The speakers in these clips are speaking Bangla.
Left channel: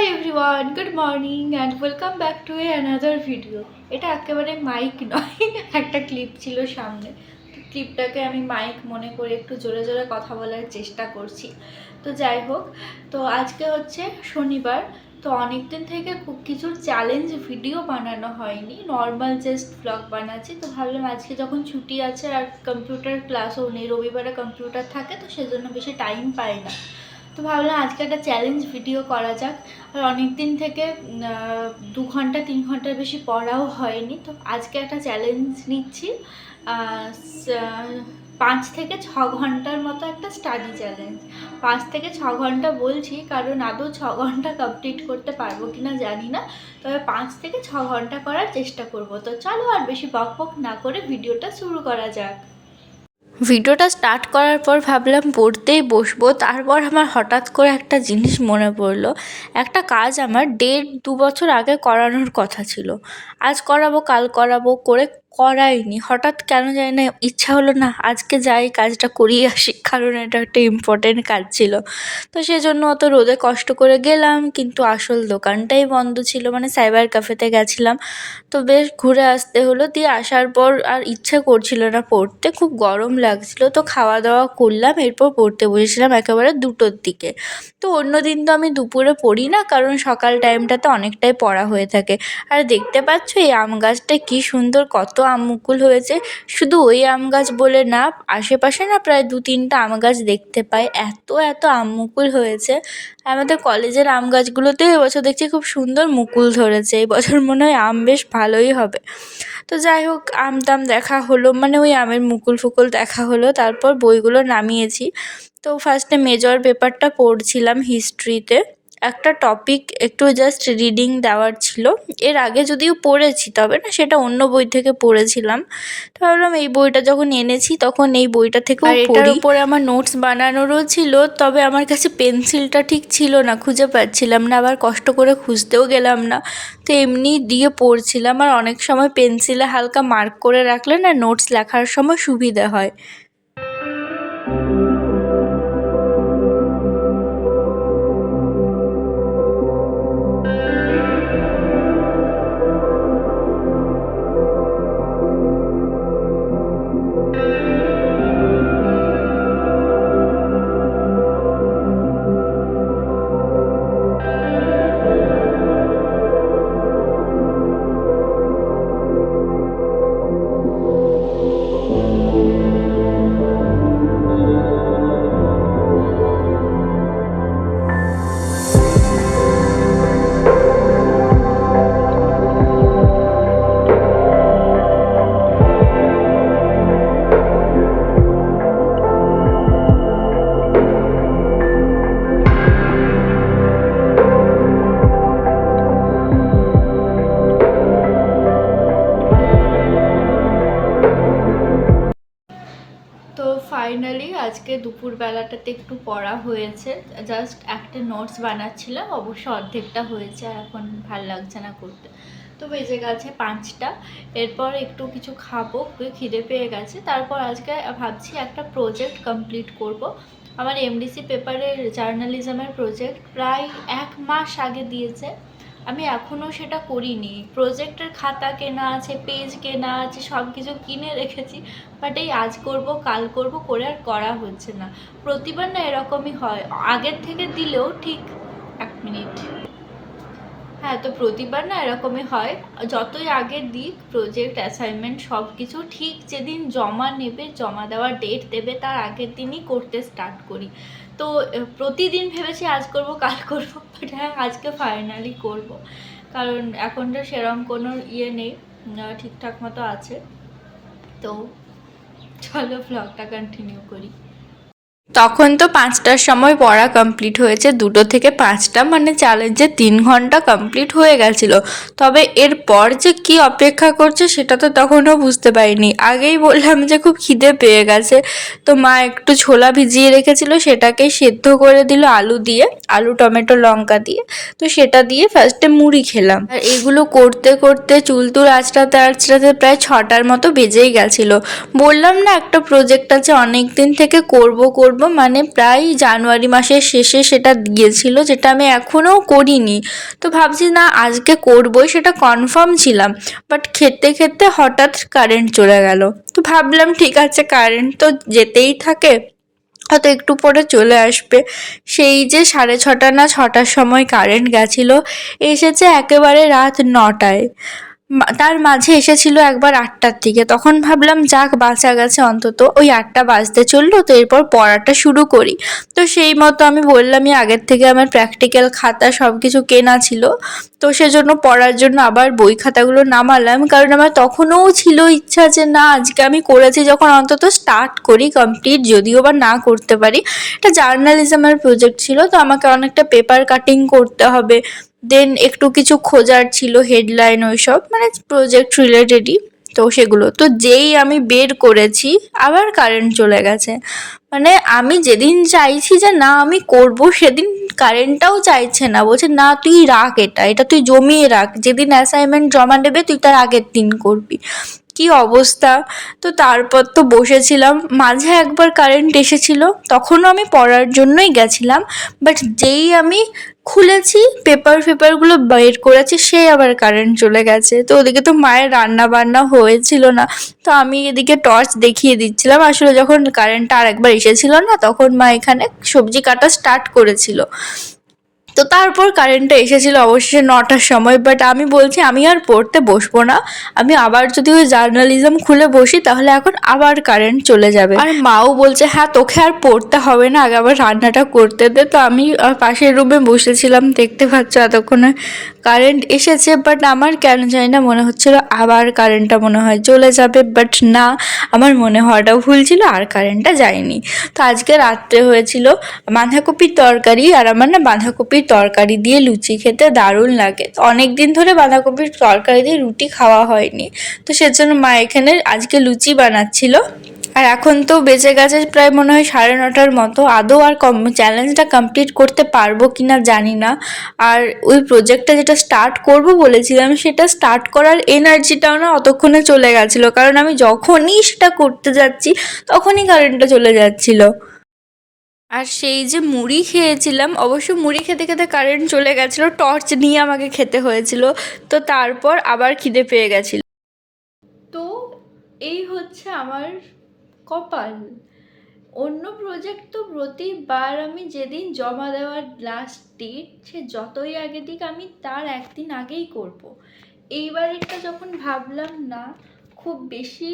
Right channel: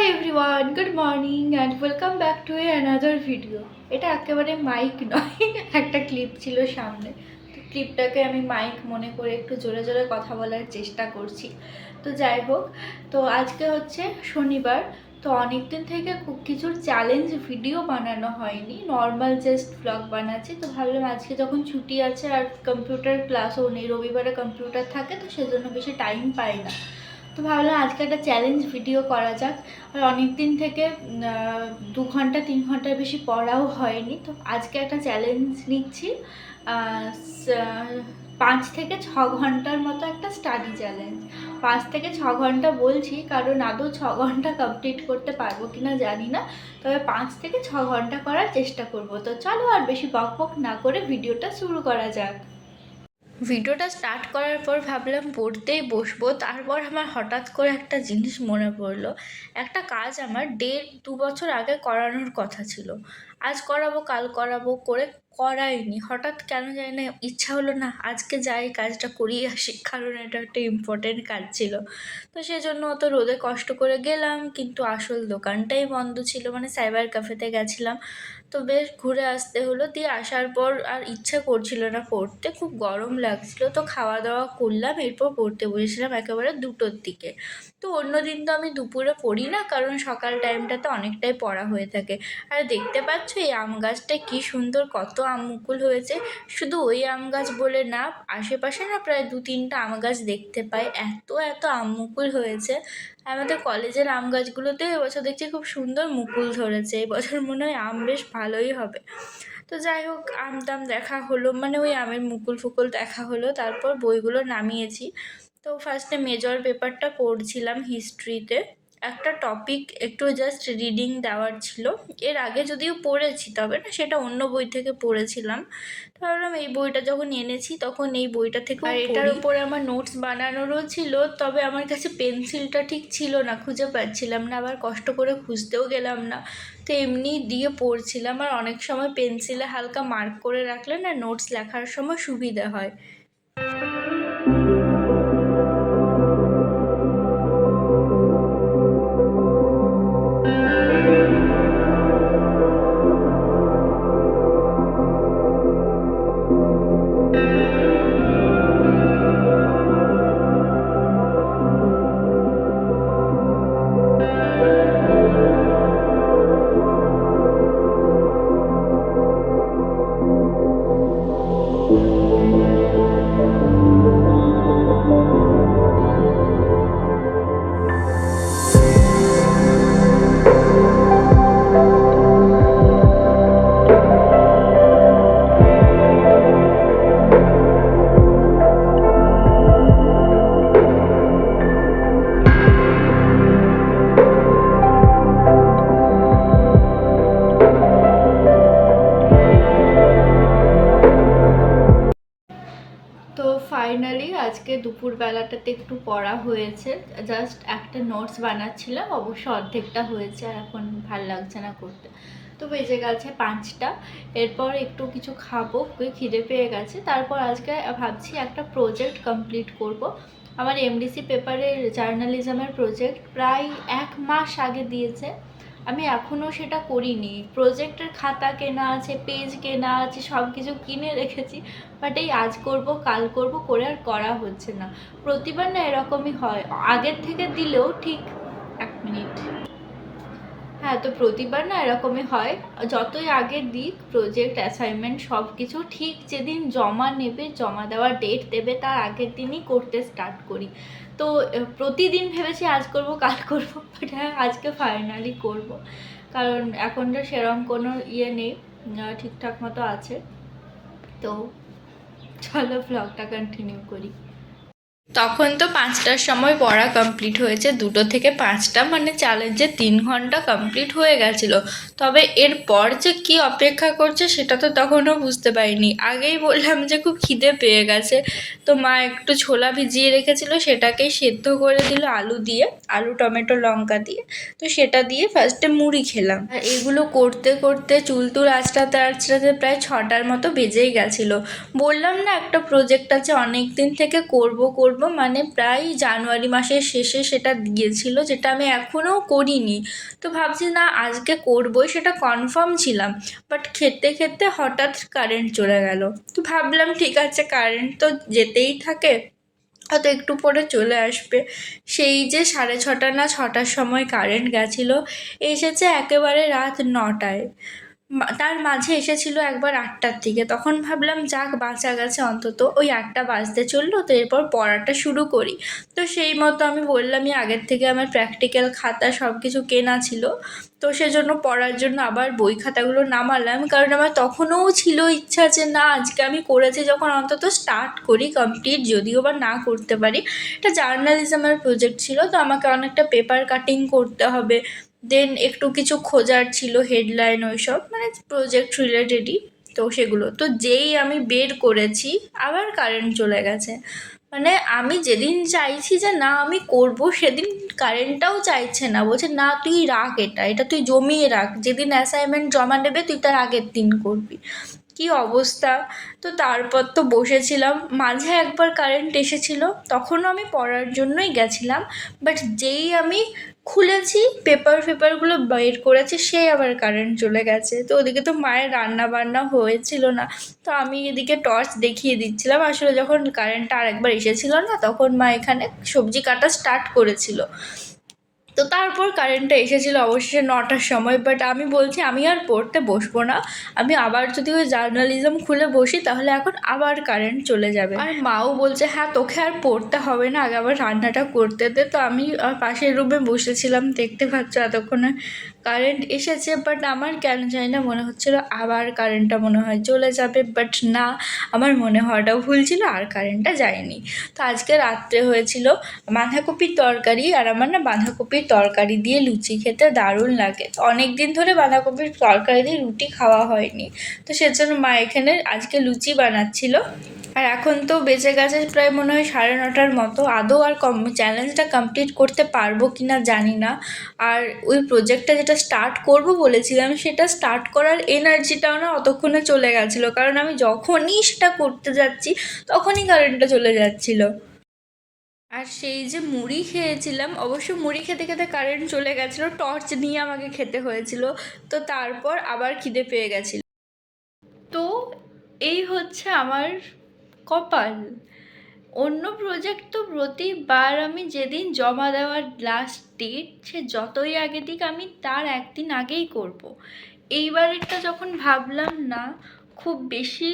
Hi everyone, good morning and welcome back to another video. এটা একেবারে মাইক নয়, একটা ক্লিপ ছিল সামনে, তো ক্লিপটাকে আমি মাইক মনে করে একটু জোরে জোরে কথা বলার চেষ্টা করছি। তো যাই হোক, তো আজকে হচ্ছে শনিবার। তো অনেক দিন থেকে কিছুর চ্যালেঞ্জ ভিডিও বানানো হয়নি, নর্মাল জাস্ট ব্লগ বানাচ্ছি। তো ভাবলাম আজকে যখন ছুটি আছে আর কম্পিউটার ক্লাসও নেই, রবিবারে কম্পিউটার থাকে, তো সেজন্য বেশি টাইম পাই না। তো ভাবলাম আজকে একটা চ্যালেঞ্জ ভিডিও করা যাক। আর অনেক দিন থেকে 2 ঘন্টা 3 ঘন্টার বেশি পড়াও হয়নি, তো আজকে একটা চ্যালেঞ্জ নিচ্ছি। 5 থেকে 6 ঘন্টার মতো একটা স্টাডি চ্যালেঞ্জ। 5 থেকে 6 ঘন্টা বলছি কারণ আদৌ 6 ঘন্টা কমপ্লিট করতে পারবো কিনা জানি না, তবে 5 থেকে 6 ঘন্টা করার চেষ্টা করব। তো চলো আর বেশি বক বক না করে ভিডিওটা শুরু করা যাক। ভিডিওটা স্টার্ট করার পর ভাবলাম পড়তেই বসবো, তারপর আমার হঠাৎ করে একটা জিনিস মনে পড়লো। একটা কাজ আমার 1.5-2 বছর আগে করানোর কথা ছিল, আজ করাবো কাল করাবো করে করাইনি। হঠাৎ কেন জানি না ইচ্ছা হলো, না আজকে যাই কাজটা করিয়ে আসি, কারণ এটা একটা ইম্পর্টেন্ট কাজ ছিল। তো সেজন্য অত রোদে কষ্ট করে গেলাম, কিন্তু আসল দোকানটাই বন্ধ ছিল, মানে সাইবার ক্যাফেতে গেছিলাম। তো বেশ ঘুরে আসতে হলো। দিয়ে আসার পর আর ইচ্ছা করছিল না পড়তে, খুব গরম লাগছিল। তো খাওয়া দাওয়া করলাম, এরপর পড়তে বসেছিলাম একেবারে 2টোর দিকে। তো অন্য দিন তো আমি দুপুরে পড়ি না, কারণ সকাল টাইমটাতে অনেকটাই পড়া হয়ে থাকে। আর দেখতে পাচ্ছ এই আম গাছটায় কী সুন্দর কত আম মুকুল হয়েছে। শুধু ওই আম গাছ বলে না, আশেপাশে না প্রায় 2-3টা আম গাছ দেখতে পাই, এত এত আম মুকুল হয়েছে। আমাদের কলেজের আম গাছগুলোতেও এবছর দেখছি খুব সুন্দর মুকুল ধরেছে, এই বছর মনে হয় আম বেশ ভালোই হবে। তো যাই হোক, আম টাম দেখা হলো, মানে ওই আমের মুকুল ফুকুল দেখা হলো। তারপর বইগুলো নামিয়েছি। তো ফার্স্টে মেজর পেপারটা পড়ছিলাম, হিস্ট্রিতে একটা টপিক একটু জাস্ট রিডিং দেওয়ার ছিল। এর আগে যদিও পড়েছি, তবে না সেটা অন্য বই থেকে পড়েছিলাম। তো ভাবলাম এই বইটা যখন এনেছি তখন এই বইটা থেকেও পড়ি। এটার উপরে আমার নোটস বানানোরও ছিল, তবে আমার কাছে পেন্সিলটা ঠিক ছিল না, খুঁজে পাচ্ছিলাম না, আবার কষ্ট করে খুঁজতেও গেলাম না। তো এমনি দিয়ে পড়ছিলাম। আর অনেক সময় পেন্সিলে হালকা মার্ক করে রাখলে না নোটস লেখার সময় সুবিধা হয়। তো ফাইনালি আজকে দুপুরবেলাটাতে একটু পড়া হয়েছে, জাস্ট একটা নোটস বানাচ্ছিলাম, অবশ্য অর্ধেকটা হয়েছে, আর এখন ভাল লাগছে না করতে। তো বেজে গেছে 5টা, এরপর একটু কিছু খাবো, খিদে পেয়ে গেছে। তারপর আজকে ভাবছি একটা প্রজেক্ট কমপ্লিট করব। আমার এমডিসি পেপারের জার্নালিজমের প্রজেক্ট প্রায় 1 মাস আগে দিয়েছে, আমি এখনও সেটা করিনি। প্রজেক্টের খাতা কেনা আছে, পেজ কেনা আছে, সব কিছু কিনে রেখেছি, বাট এই আজ করব কাল করব করে আর করা হচ্ছে না। প্রতিবার না এরকমই হয়, আগের থেকে দিলেও ঠিক 1 মিনিট। হ্যাঁ, তো প্রতিবার না এরকমই হয়, যতই আগে দিক প্রজেক্ট অ্যাসাইনমেন্ট সব কিছু, ঠিক যেদিন জমা নেবে, জমা দেওয়ার ডেট দেবে, তার আগের দিনই করতে স্টার্ট করি। তো প্রতিদিন ভেবেছি আজ করব কাল করব, বাট হ্যাঁ আজকে ফাইনালি করব, কারণ এখন তো সেরকম কোনো নেই, ঠিকঠাক মতো আছে। তো চলো ব্লগটা কন্টিনিউ করি। তখন তো 5টার সময় পড়া কমপ্লিট হয়েছে, 2টো থেকে 5টা, মানে চ্যালেঞ্জে 3 ঘন্টা কমপ্লিট হয়ে গেছিলো। তবে এরপর যে কি অপেক্ষা করছে সেটা তো তখনও বুঝতে পারিনি। আগেই বললাম যে খুব খিদে পেয়ে গেছে, তো মা একটু ছোলা ভিজিয়ে রেখেছিল, সেটাকেই সেদ্ধ করে দিল আলু দিয়ে, আলু টমেটো লঙ্কা দিয়ে। তো সেটা দিয়ে ফার্স্টে মুড়ি খেলাম। আর এগুলো করতে করতে চুলতুল আঁচড়াতে আঁচড়াতে প্রায় 6টার মতো বেজেই গেছিলো। বললাম না একটা প্রজেক্ট আছে, অনেক দিন থেকে করব করব করব, মানে প্রায় জানুয়ারি মাসের শেষে সেটা দিয়েছিল, যেটা আমি এখনও করিনি। তো ভাবছি না আজকে করবই, সেটা কনফার্ম ছিলাম। বাট খেতে খেতে হঠাৎ কারেন্ট চলে গেল। তো ভাবলাম ঠিক আছে, কারেন্ট তো যেতেই থাকে, হয়তো একটু পরে চলে আসবে। সেই যে 6:30 না 6টার সময় কারেন্ট গেছিলো, এসেছে একেবারে রাত 9টায়। তার মাঝে এসেছিল একবার 8টার দিকে। তখন ভাবলাম যাক বাঁচা গেছে, অন্তত ওই 8টা বাজতে চললো, তো এরপর পড়াটা শুরু করি। তো সেই মতো আমি বললামই আগের থেকে আমার প্র্যাকটিক্যাল খাতা সব কিছু কেনা ছিল, তো সেজন্য পড়ার জন্য আবার বই খাতাগুলো নামালাম। কারণ আমার তখনও ছিল ইচ্ছা যে না আজকে আমি করেছি যখন অন্তত স্টার্ট করি, কমপ্লিট যদিও বা না করতে পারি। এটা জার্নালিজমের প্রজেক্ট ছিল, তো আমাকে অনেকটা পেপার কাটিং করতে হবে, দেন একটু কিছু খোঁজার ছিল, হেডলাইন ওইসব, মানে প্রজেক্ট রিলেটেডই। তো সেগুলো তো যেই আমি বের করেছি আবার কারেন্ট চলে গেছে। মানে আমি যেদিন চাইছি যে না আমি করব, সেদিন কারেন্টটাও চাইছে না, বলছে না তুই রাখ, এটা তুই জমিয়ে রাখ, যেদিন অ্যাসাইনমেন্ট জমা দেবে তুই তার আগের দিন করবি। কি অবস্থা! তো তারপর তো বসেছিলাম, মাঝে একবার কারেন্ট এসেছিল, তখনও আমি পড়ার জন্যই গেছিলাম। বাট যেই আমি খুলেছি পেপারগুলো বের করেছি, সেই আবার কারেন্ট চলে গেছে। তো ওদিকে তো মায়ের রান্না বান্না হয়েছিল না, তো আমি এদিকে টর্চ দেখিয়ে দিচ্ছিলাম। আসলে যখন কারেন্টটা আর একবার এসেছিল না, তখন মা এখানে সবজি কাটা স্টার্ট করেছিল। তো তারপর কারেন্টটা এসেছিল অবশেষে 9টার সময়। বাট আমি বলছি আমি আর পড়তে বসবো না, আমি আবার যদি ওই জার্নালিজম খুলে বসি তাহলে এখন আবার কারেন্ট চলে যাবে। আর মাও বলছে হ্যাঁ তোকে আর পড়তে হবে না, আগে আবার রান্নাটা করতে দে। তো আমি পাশের রুমে বসেছিলাম, দেখতে পাচ্ছ এতক্ষণে কারেন্ট এসেছে। বাট আমার কেন জানি না মনে হচ্ছিল আবার কারেন্টটা মনে হয় চলে যাবে, বাট না, আমার মনে হওয়াটাও ভুল ছিল, আর কারেন্টটা যায়নি। তো আজকে রাত্রে হয়েছিল বাঁধাকপির তরকারি, আর আমার না বাঁধাকপির তরকারি দিয়ে লুচি খেতে দারুণ লাগে। তো অনেক দিন ধরে বাঁধাকপির তরকারি দিয়ে রুটি খাওয়া হয়নি, তো সেজন্য মা এখানে আজকে লুচি বানাচ্ছিল। আর এখন তো বেঁচে গেছে প্রায় মনে হয় 9:30 মতো। আদৌ আর চ্যালেঞ্জটা কমপ্লিট করতে পারবো কিনা জানি না। আর ওই প্রজেক্টটা যেটা স্টার্ট করব বলেছিলাম, সেটা স্টার্ট করার এনার্জিটাও না অতক্ষণে চলে গেছিলো, কারণ আমি যখনই সেটা করতে যাচ্ছি তখনই কারেন্টটা চলে যাচ্ছিলো। আর সেই যে মুড়ি খেয়েছিলাম, অবশ্য মুড়ি খেতে খেতে কারেন্ট চলে গেছিলো, টর্চ নিয়ে আমাকে খেতে হয়েছিল। তো তারপর আবার খিদে পেয়ে গেছিল। তো এই হচ্ছে আমার কপাল। অন্য প্রজেক্ট তো প্রতিবার আমি যেদিন জমা দেওয়ার লাস্ট ডেট, সে যতই আগে দিক আমি তার একদিন আগেই করব। এইবারেরটা যখন ভাবলাম না খুব বেশি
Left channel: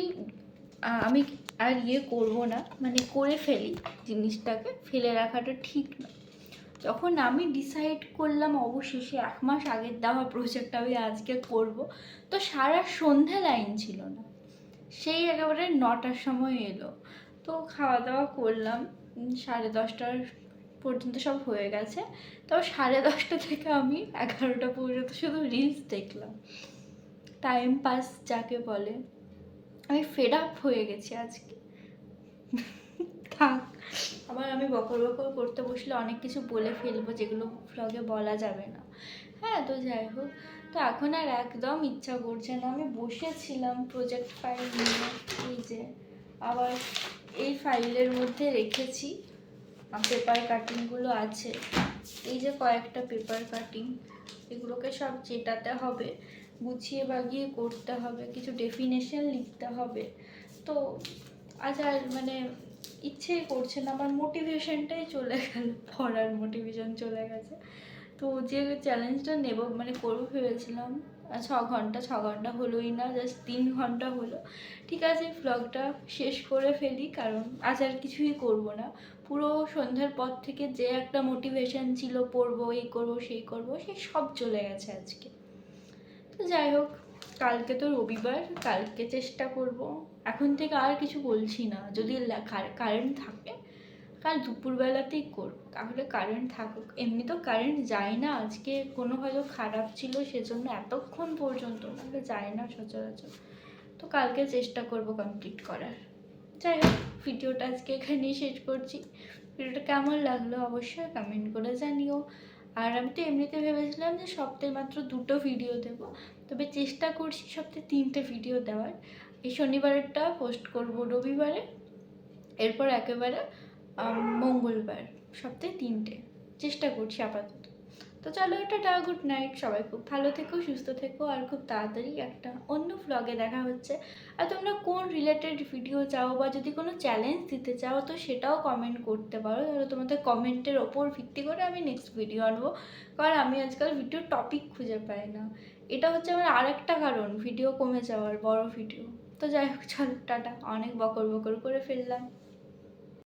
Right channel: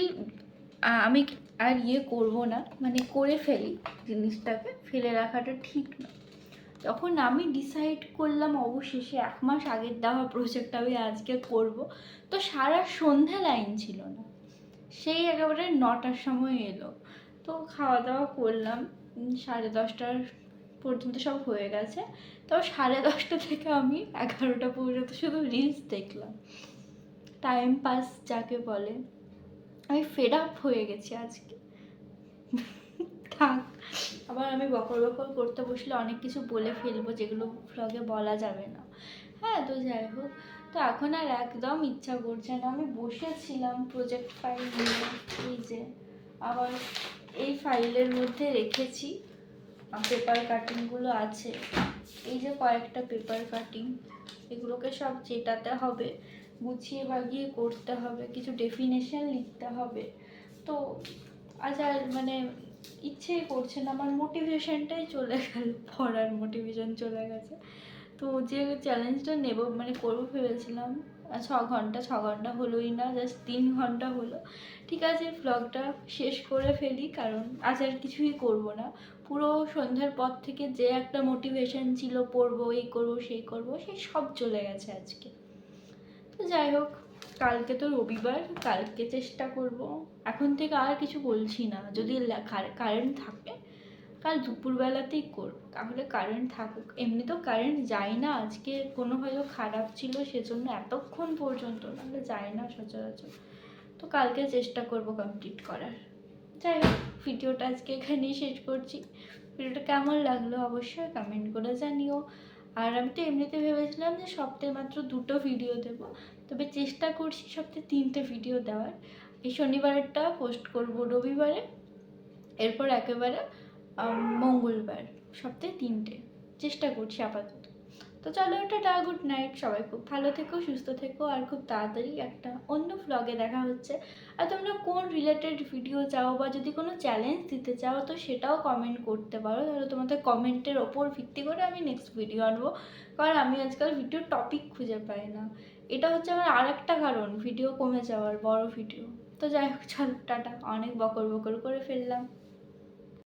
আমি আর করব না, মানে করে ফেলি, জিনিসটাকে ফেলে রাখাটা ঠিক না, তখন আমি ডিসাইড করলাম অবশেষে 1 মাস আগের দেওয়া প্রজেক্ট আমি আজকে করব। তো সারা সন্ধে লাইন ছিল না, সেই একেবারে 9টার সময় এলো। তো খাওয়া দাওয়া করলাম, 10:30 পর্যন্ত সব হয়ে গেছে। তো 10:30 থেকে আমি 11টা পর্যন্ত শুধু রিলস দেখলাম, টাইম পাস যাকে বলে। আমি ফেড আপ হয়ে গেছি আজকে। থাক, আবার আমি বকর বকর করতে বসলে অনেক কিছু বলে ফেলবো যেগুলো ভ্লগে বলা যাবে না। হ্যাঁ, তো যাই হোক, তো এখন আর একদম ইচ্ছা করছে না। আমি বসেছিলাম প্রজেক্ট ফাইল নিয়ে, এই যে আবার এই ফাইলের মধ্যে রেখেছি পেপার কাটিংগুলো আছে, এই যে কয়েকটা পেপার কাটিং, এগুলোকে সব চেটাতে হবে, গুছিয়ে বাগিয়ে করতে হবে, কিছু ডেফিনেশন লিখতে হবে। তো আজ আর মানে ইচ্ছেই করছে না, আমার মোটিভেশনটাই চলে গেল, পড়ার মোটিভেশন চলে গেছে। তো যে চ্যালেঞ্জটা নেব মানে করবো ভেবেছিলাম 6 ঘন্টা হলোই না, জাস্ট 3 ঘন্টা হলো। ঠিক আছে, ভ্লগটা শেষ করে ফেলি, কারণ আজ আর কিছুই করব না। পুরো সন্ধ্যার পর থেকে যে একটা মোটিভেশন ছিল পড়বো, এই করবো সেই করবো, সেই সব চলে গেছে আজকে। তো যাই হোক, কালকে তো রবিবার, কালকে চেষ্টা করব। এখন থেকে আর কিছু বলছি না, যদি কারেন্ট থাকে কাল দুপুরবেলাতেই করব, তাহলে কারেন্ট থাকুক। এমনি তো কারেন্ট যায় না, আজকে কোনো হয়তো খারাপ ছিল সেজন্য এতক্ষণ পর্যন্ত, নাহলে যায় না সচরাচর। তো কালকে চেষ্টা করব কমপ্লিট করার। যাই হোক, ভিডিওটা আজকে এখানেই শেষ করছি। ভিডিওটা কেমন লাগলো অবশ্যই কমেন্ট করে জানিও। আর আমি তো এমনিতে ভেবেছিলাম যে সপ্তাহে মাত্র 2টো ভিডিও দেব, তবে চেষ্টা করছি সপ্তাহে 3টে ভিডিও দেওয়ার। এই শনিবারেরটা পোস্ট করব রবিবারে, এরপর একেবারে মঙ্গলবার, সপ্তাহে 3টে চেষ্টা করছি আপাতত। তো চলো, টাটা, গুড নাইট, সবাই খুব ভালো থেকো, সুস্থ থেকো, আর খুব তাড়াতাড়ি একটা অন্য ভ্লগে দেখা হচ্ছে। আর তোমরা কোন রিলেটেড ভিডিও চাও বা যদি কোনো চ্যালেঞ্জ দিতে চাও তো সেটাও কমেন্ট করতে পারো, তাহলে তোমাদের কমেন্টের ওপর ভিত্তি করে আমি নেক্সট ভিডিও আনবো, কারণ আমি আজকাল ভিডিওর টপিক খুঁজে পাই না। এটা হচ্ছে আমার আর একটা কারণ ভিডিও কমে যাওয়ার, বড় ভিডিও। তো যাই হোক, চলো টাটা, অনেক বকর বকর করে ফেললাম।